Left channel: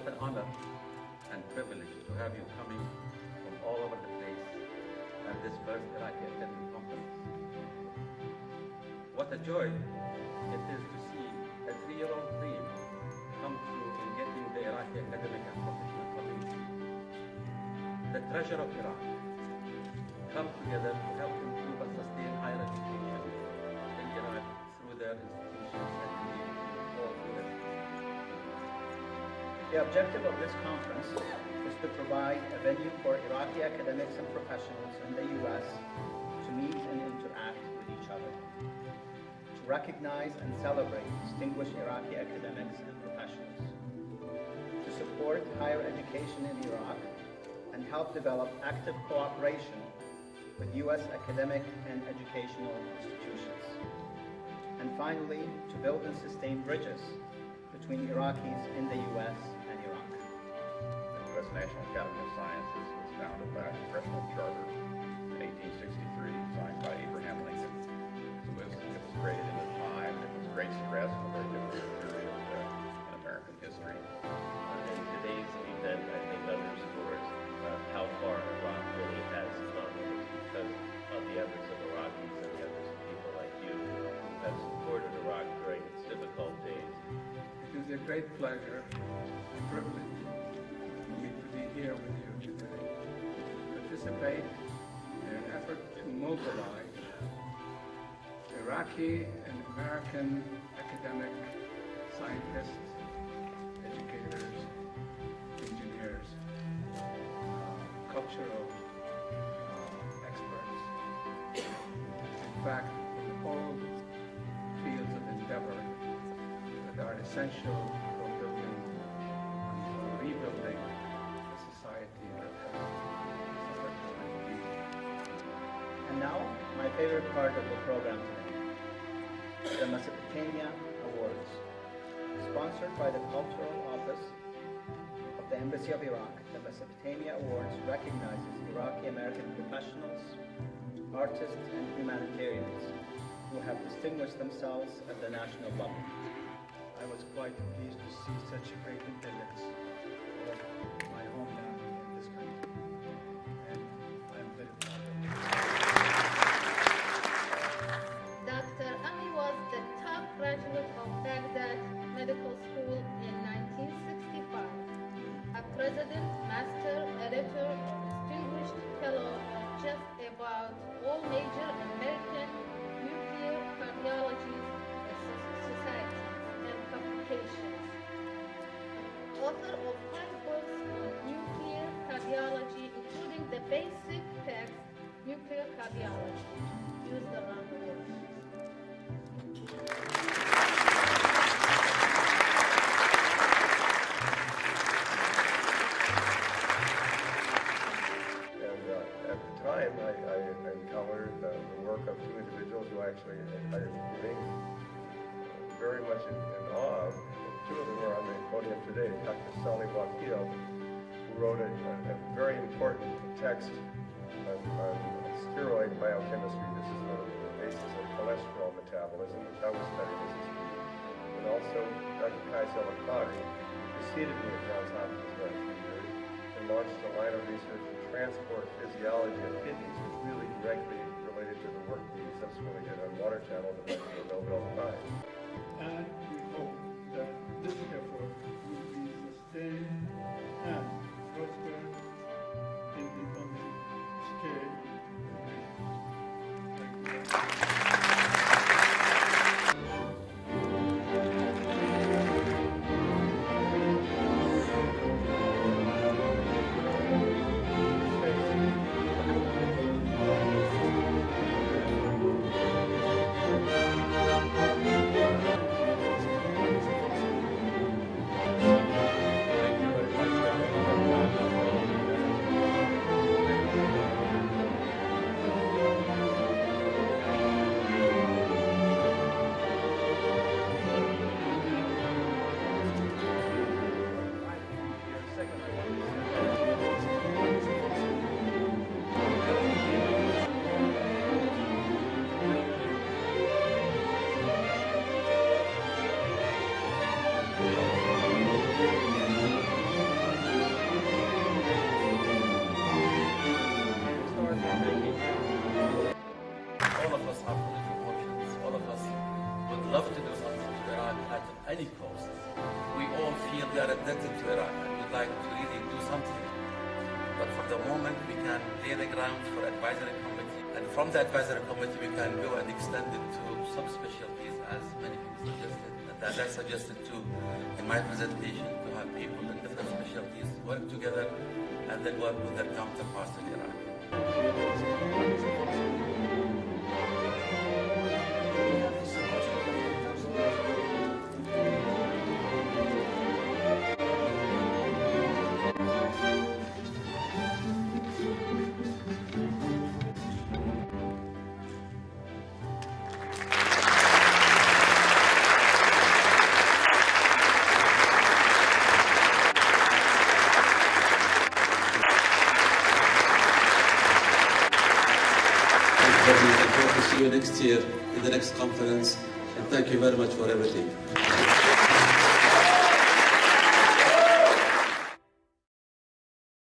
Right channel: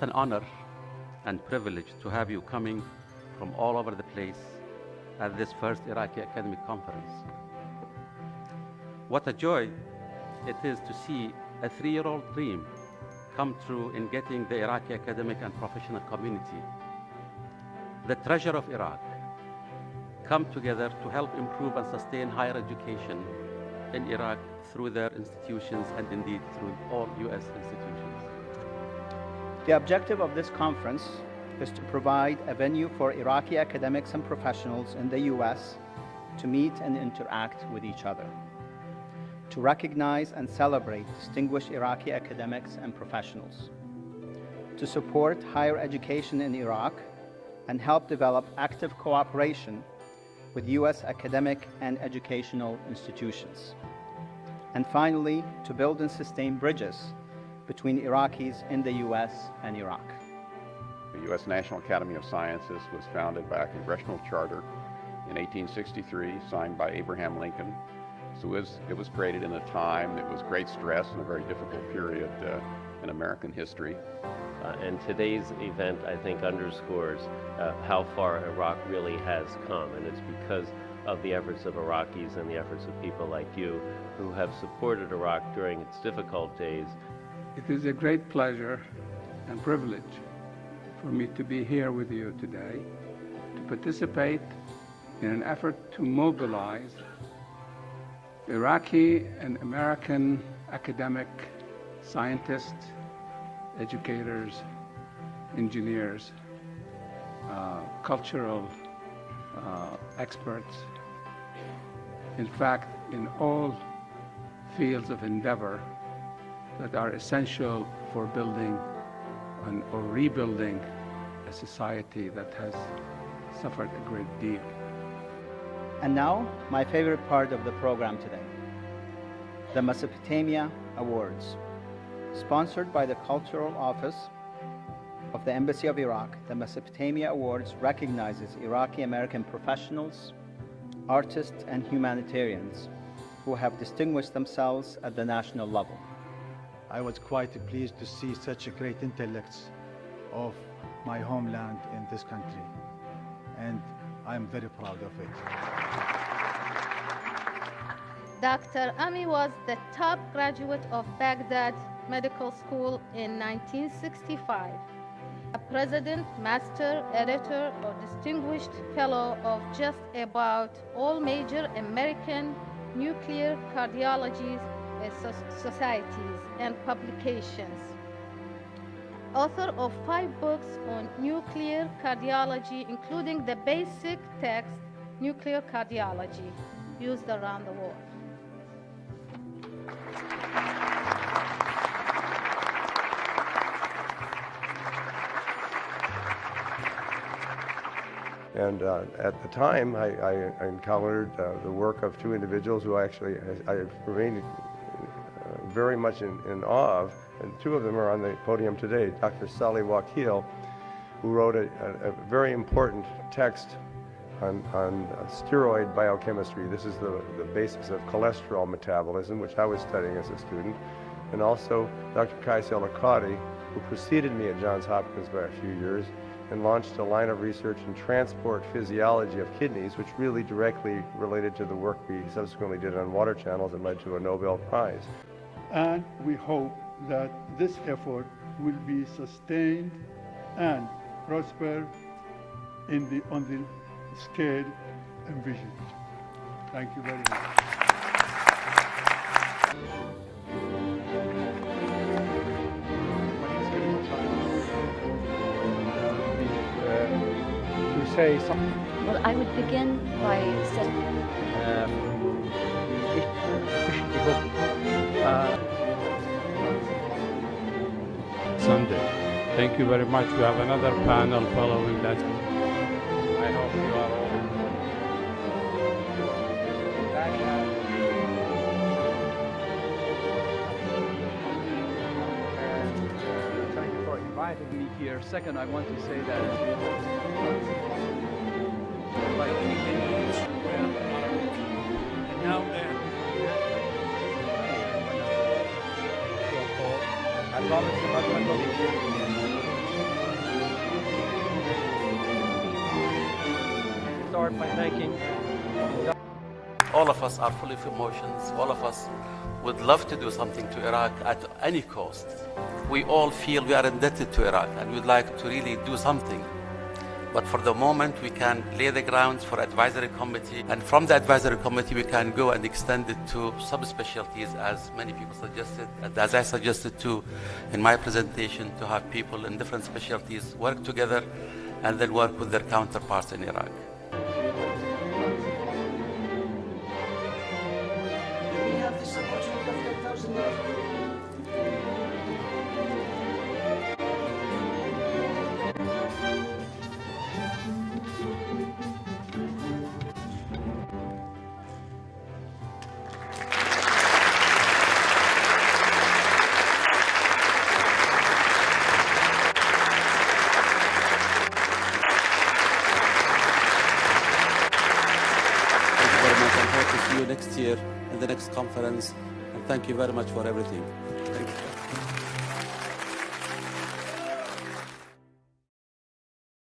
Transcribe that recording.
What an honor and privilege to have you coming from all over the place at this first Iraqi Academic Conference. What a joy it is to see a 3-year-old dream come true in getting the Iraqi academic and professional community, the treasure of Iraq, come together to help improve and sustain higher education in Iraq through their institutions and indeed through all U.S. institutions. The objective of this conference is to provide a venue for Iraqi academics and professionals in the U.S. to meet and interact with each other, to recognize and celebrate distinguished Iraqi academics and professionals, to support higher education in Iraq and help develop active cooperation with U.S. academic and educational institutions, and finally, to build and sustain bridges between Iraqis in the U.S. and Iraq. The U.S. National Academy of Sciences was founded by a congressional charter in 1863, signed by Abraham Lincoln. So it was created in a time that was great stress and a very difficult period in American history. And today's event, I think, underscores how far Iraq really has come, and it's because of the efforts of Iraqis and the efforts of people like you who have supported Iraq during its difficult days. It is a great pleasure and privilege for me to be here with you today to participate in an effort to mobilize Iraqi and American academic scientists, educators, engineers, cultural experts. In fact, in all fields of endeavor that are essential for building or rebuilding a society that has suffered a great deal. And now, my favorite part of the program today, the Mesopotamia Awards. Sponsored by the Cultural Office of the Embassy of Iraq, the Mesopotamia Awards recognizes Iraqi-American professionals, artists, and humanitarians who have distinguished themselves at the national level. I was quite pleased to see such great intellects of my homeland in this country, and I'm very proud of it. Dr. Ami was the top graduate of Baghdad Medical School in 1965, a president, master, editor, or distinguished fellow of just about all major American nuclear cardiology societies and publications. Author of 5 books on nuclear cardiology, including the basic text, Nuclear Cardiology, used around the world. And at the time, I encountered the work of 2 individuals who actually I remain very much in awe of, and 2 of them are on the podium today. Dr. Salih Wakil, who wrote a very important text on steroid biochemistry. This is the basis of cholesterol metabolism, which I was studying as a student. And also Dr. Qais El-Akkadi, who preceded me at Johns Hopkins by a few years, and launched a line of research in transport physiology of kidneys, which really directly related to the work we subsequently did on water channels and led to a Nobel Prize. And we hope that this effort will be sustained and prosper on the scale envisioned. Thank you very much. Well, I would begin by saying thank you very much. We have another panel following that. all of us are full of emotions. All of us would love to do something to Iraq at any cost. We all feel we are indebted to Iraq and we'd like to really do something. But for the moment, we can lay the grounds for advisory committee. And from the advisory committee, we can go and extend it to subspecialties, as many people suggested, and as I suggested too in my presentation, to have people in different specialties work together and then work with their counterparts in Iraq. See you next year in the next conference, and thank you very much for everything.